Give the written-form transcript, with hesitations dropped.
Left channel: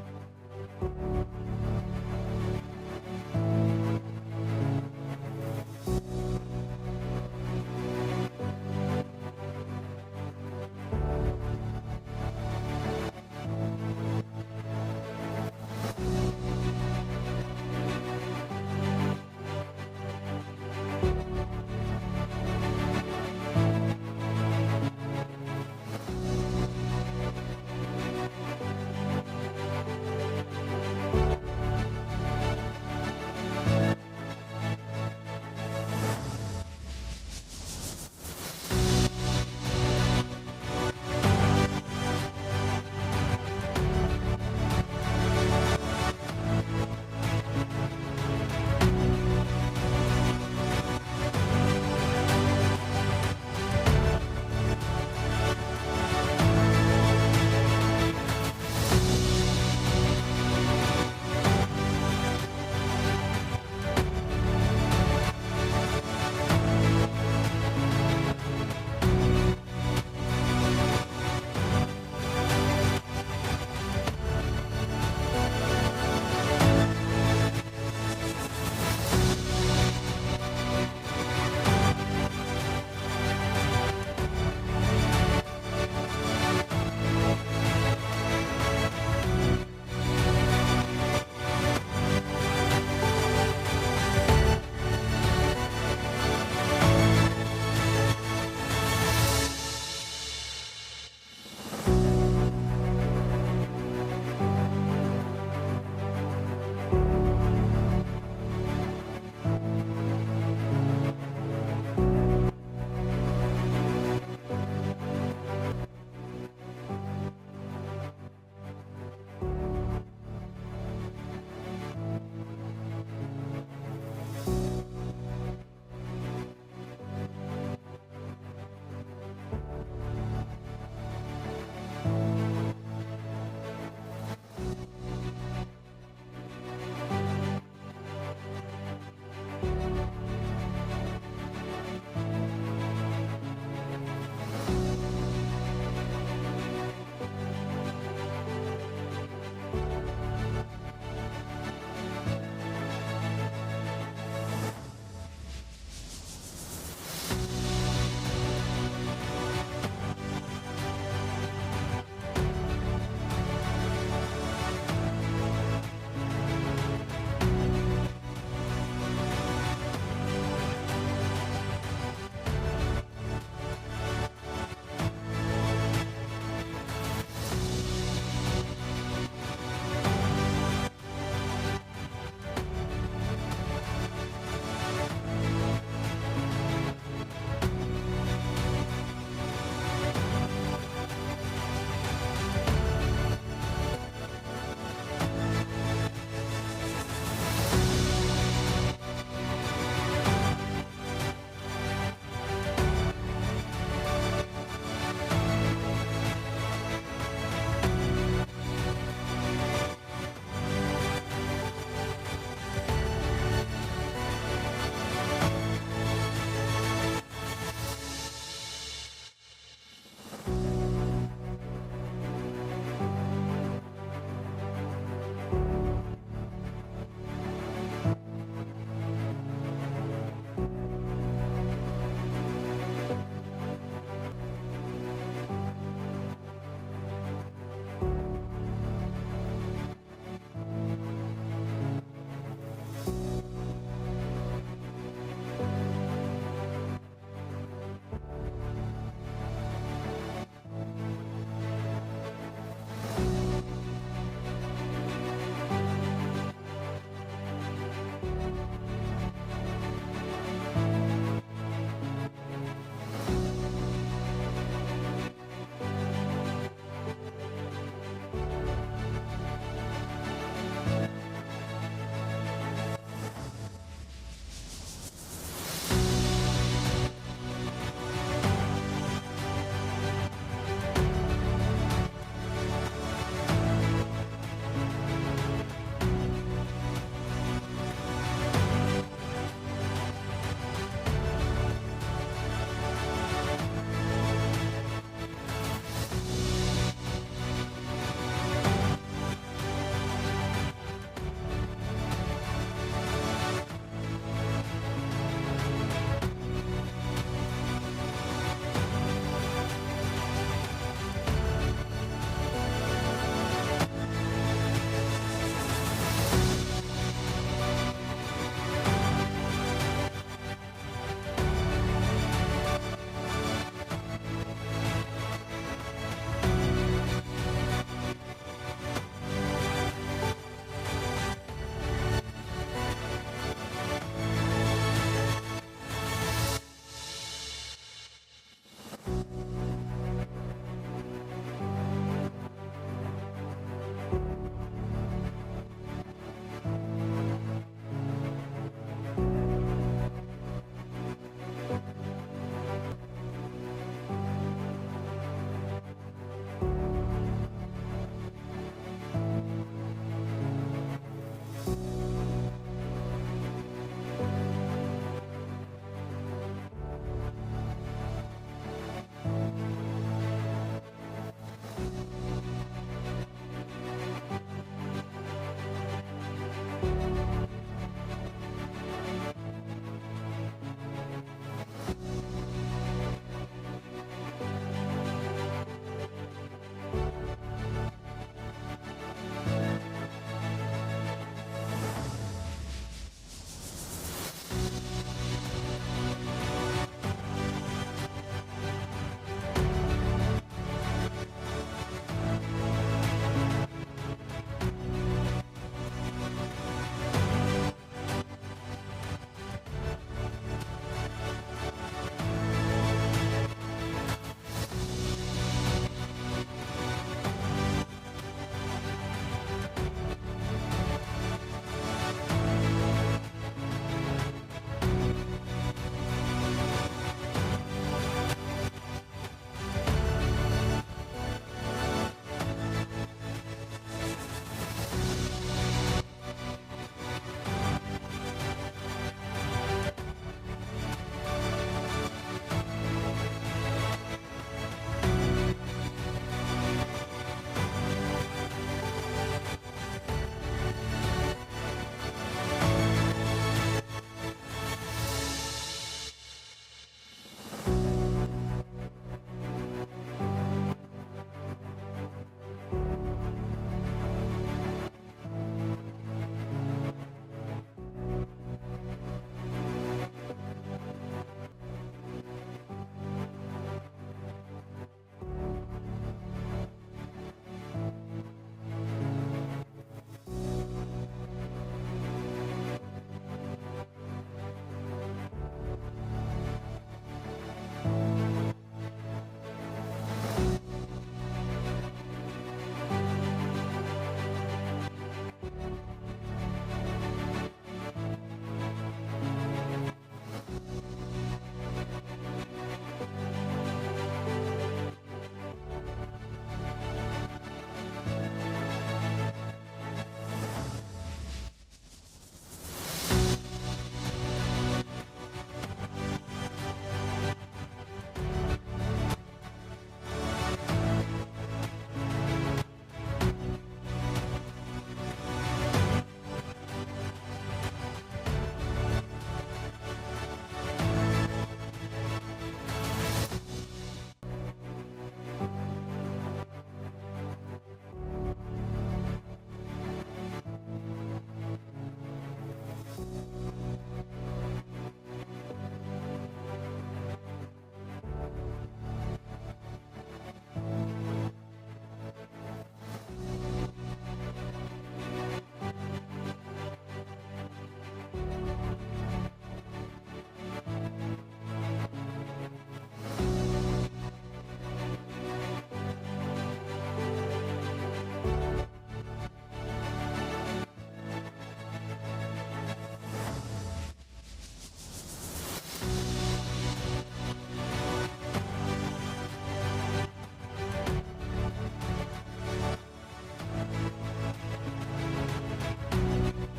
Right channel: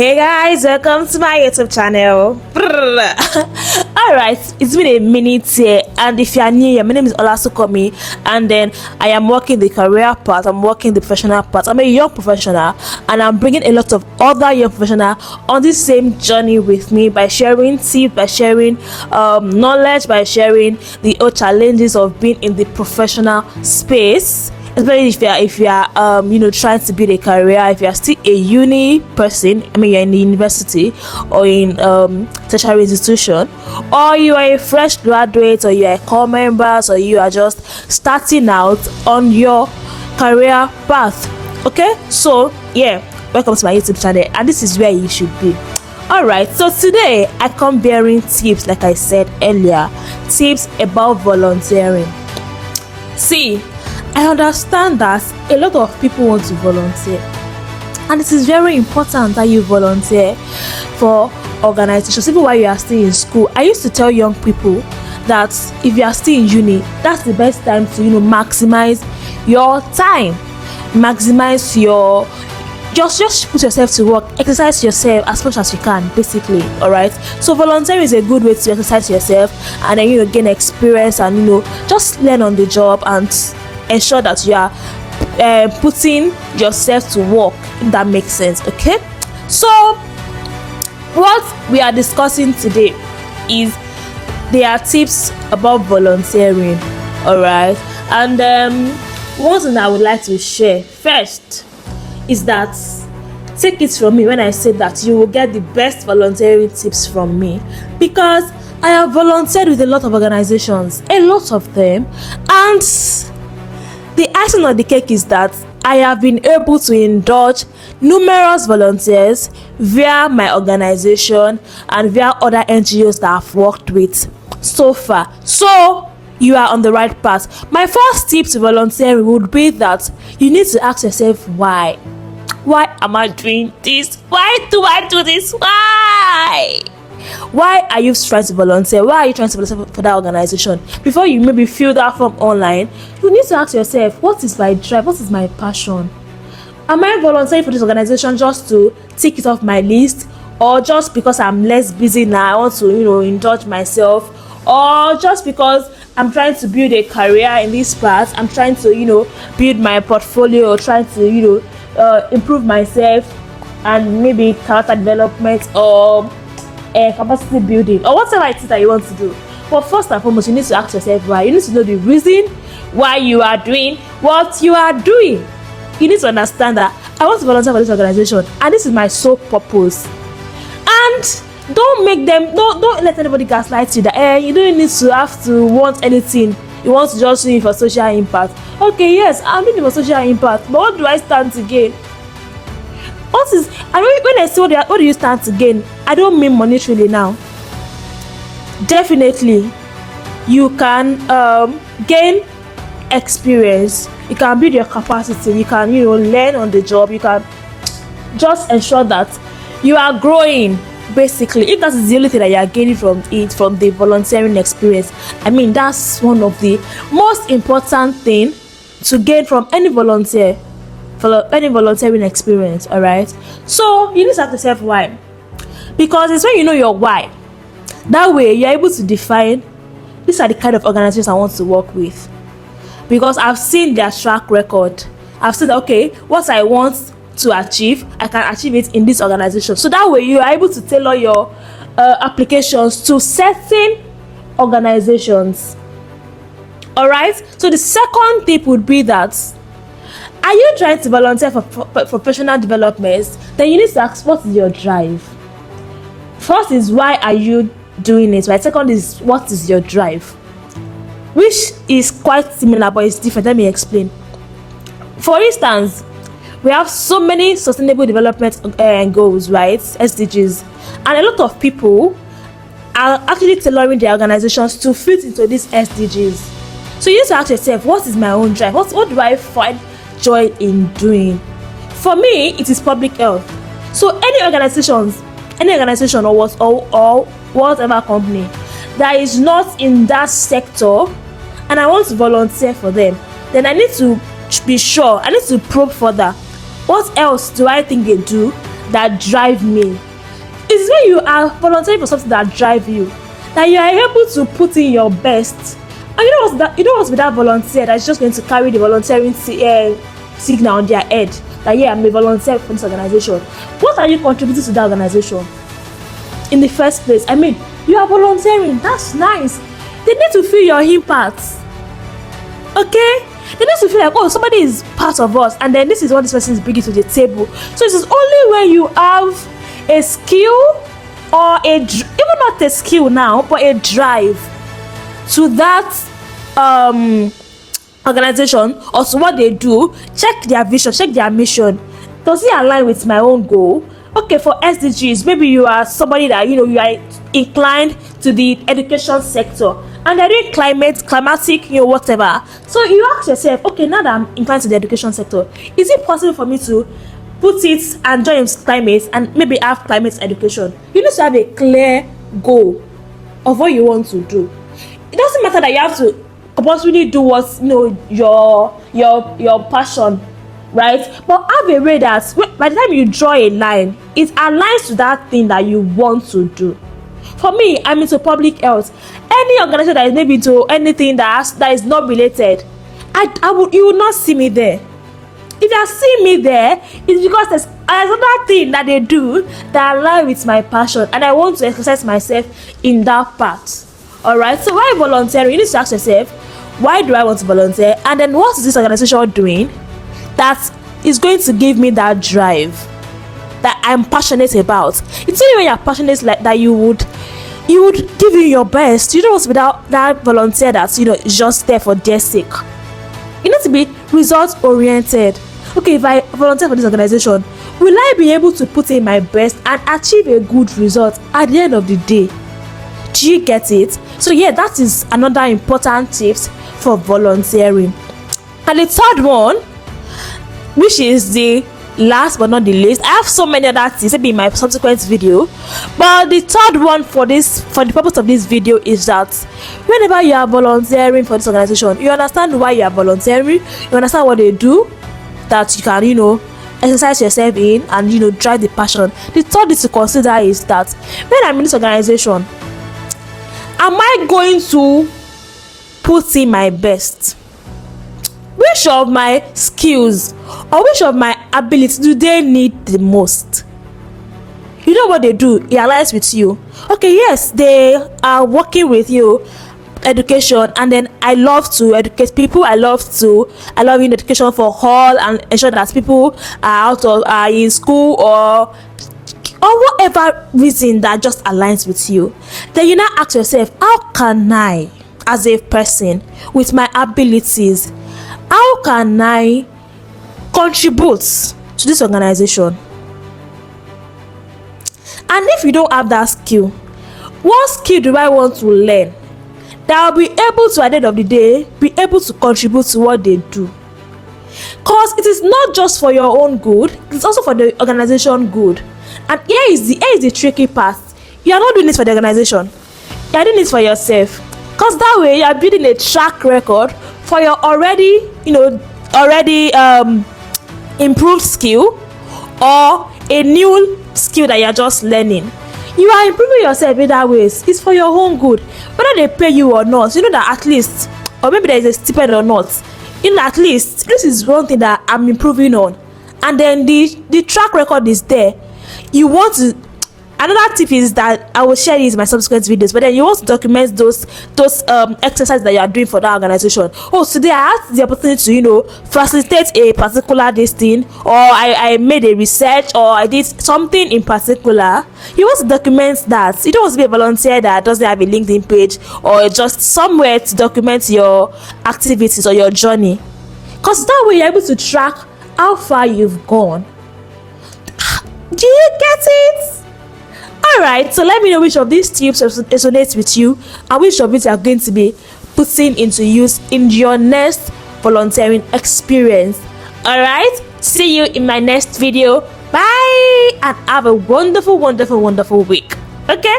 Hey guys, welcome to my YouTube channel. Alright, it's been a minute here, and if you are new here, my name is Olasukomi, and then I am working the career part, I'm working the professional part. I'm a young professional, and I'm bringing a lot of other young professionals on this same journey with me by sharing tips, by sharing knowledge, by sharing the challenges of being in the professional space. Especially if you are trying to build a career, if you are still a uni person, you're in the university or in tertiary institution, or you are a fresh graduate, or you are a core member, or you are just starting out on your career path. Okay, so yeah, welcome to my YouTube channel, and this is where you should be. Alright, so today I come bearing tips, like I said earlier, tips about volunteering. See, I understand that a lot of people want to volunteer, and it is very important that you volunteer for organizations even while you are still in school. I used to tell young people that if you are still in uni, that's the best time to maximize your time, maximize your just put yourself to work, exercise yourself as much as you can, basically. All right, so volunteering is a good way to exercise yourself and then gain experience and just learn on the job and ensure that you are putting yourself to work, if that makes sense. Okay, so what we are discussing today is there are tips about volunteering. All right, and one thing I would like to share first is that, take it from me when I say that you will get the best volunteering tips from me, because I have volunteered with a lot of organizations, a lot of them, and the icing on the cake is that I have been able to indulge numerous volunteers via my organization and via other NGOs that I've worked with so far. So you are on the right path. My first tip to volunteering would be that you need to ask yourself why. Why am I doing this? Why do I do this? Why are you trying to volunteer? Why are you trying to volunteer for that organization? Before you maybe fill that form online, you need to ask yourself, what is my drive? What is my passion? Am I volunteering for this organization just to tick it off my list, or just because I'm less busy now, I want to indulge myself, or just because I'm trying to build a career in this part, I'm trying to build my portfolio, or trying to improve myself, and maybe character development or capacity building, or whatever it is that you want to do. But first and foremost, you need to ask yourself why. You need to know the reason why you are doing what you are doing. You need to understand that I want to volunteer for this organization, and this is my sole purpose. And don't let anybody gaslight you that you don't need to have to want anything. You want to just do it for social impact. Okay, yes, I'm doing it for social impact, but what do I stand to gain? When I say what do you stand to gain, I don't mean monetarily now. Definitely, you can gain experience. You can build your capacity. You can learn on the job. You can just ensure that you are growing. Basically, if that is the only thing that you are gaining from the volunteering experience, that's one of the most important thing to gain from any volunteering experience. All right, so you need to ask yourself why, because it's when you know your why, that way you're able to define, these are the kind of organizations I want to work with, because I've seen their track record. I've said, okay, what I want to achieve, I can achieve it in this organization. So that way you are able to tailor your applications to certain organizations. All right, so the second tip would be that, are you trying to volunteer for professional development? Then you need to ask, what is your drive? First is, why are you doing it? Right? Second is, what is your drive? Which is quite similar, but it's different. Let me explain. For instance, we have so many sustainable development goals, right? SDGs. And a lot of people are actually tailoring their organizations to fit into these SDGs. So you need to ask yourself, what is my own drive? What do I find joy in doing? For me, it is public health. So any organization or whatever company that is not in that sector, and I want to volunteer for them, then I need to be sure, I need to probe further. What else do I think they do that drive me. It's when you are volunteering for something that drive you, that you are able to put in your best. And you know what's with that volunteer that's just going to carry the volunteering signal on their head, that yeah, I'm a volunteer for this organization. What are you contributing to that organization in the first place? I mean, you are volunteering, that's nice. They need to feel your impact. Okay? They need to feel like, oh, somebody is part of us, and then this is what this person is bringing to the table. So it is only when you have a skill or even not a skill now, but a drive to that organization or to what they do, check their vision, check their mission. Does it align with my own goal? Okay, for SDGs, maybe you are somebody that you are inclined to the education sector, and they're doing climatic, whatever. So you ask yourself, okay, now that I'm inclined to the education sector, is it possible for me to put it and join climate and maybe have climate education? You need to have a clear goal of what you want to do. It doesn't matter that you have to compulsorily do what's your passion, right? But have a way that by the time you draw a line, it aligns to that thing that you want to do. For me, I'm into public health. Any organization that is maybe into anything that is not related, you will not see me there. If you see me there, it's because there's another thing that they do that aligns with my passion, and I want to exercise myself in that part. Alright, so why volunteering? You need to ask yourself, why do I want to volunteer? And then what is this organization doing that is going to give me that drive that I'm passionate about? It's only when you're passionate like that you would give you your best. You don't want to be that volunteer that's is just there for their sake. You need to be result oriented. Okay, if I volunteer for this organization, will I be able to put in my best and achieve a good result at the end of the day? Do you get it? So yeah, that is another important tips for volunteering. And the third one, which is the last but not the least, I have so many other things maybe in my subsequent video, but the third one for the purpose of this video is that whenever you are volunteering for this organization, you understand why you are volunteering, you understand what they do, that you can exercise yourself in and drive the passion. The third thing to consider is that when I'm in this organization, am I going to put in my best? Which of my skills or which of my abilities do they need the most? You know what they do? It aligns with you. Okay, yes, they are working with you, education, and then I love to educate people. I love in education for all and ensure that people are in school or whatever reason that just aligns with you. Then you now ask yourself, how can I, as a person with my abilities, how can I contribute to this organization? And if you don't have that skill, what skill do I want to learn that will be able to, at the end of the day, be able to contribute to what they do? Because it is not just for your own good, it's also for the organization good. And here is the tricky part. You are not doing this for the organization. You are doing this for yourself. Because that way you are building a track record for your already improved skill or a new skill that you are just learning. You are improving yourself in that ways. It's for your own good. Whether they pay you or not, that at least, or maybe there is a stipend or not, at least this is one thing that I'm improving on. And then the track record is there. You want to, another tip is that I will share this in my subsequent videos, but then you want to document those exercises that you are doing for that organization. Oh, today I had the opportunity to facilitate a particular thing, or I made a research, or I did something in particular. You want to document that. You don't want to be a volunteer that doesn't have a LinkedIn page or just somewhere to document your activities or your journey, because that way you're able to track how far you've gone. Do you get it? Alright, so let me know which of these tips resonates with you and which of it you are going to be putting into use in your next volunteering experience. Alright, see you in my next video. Bye, and have a wonderful, wonderful, wonderful week. Okay?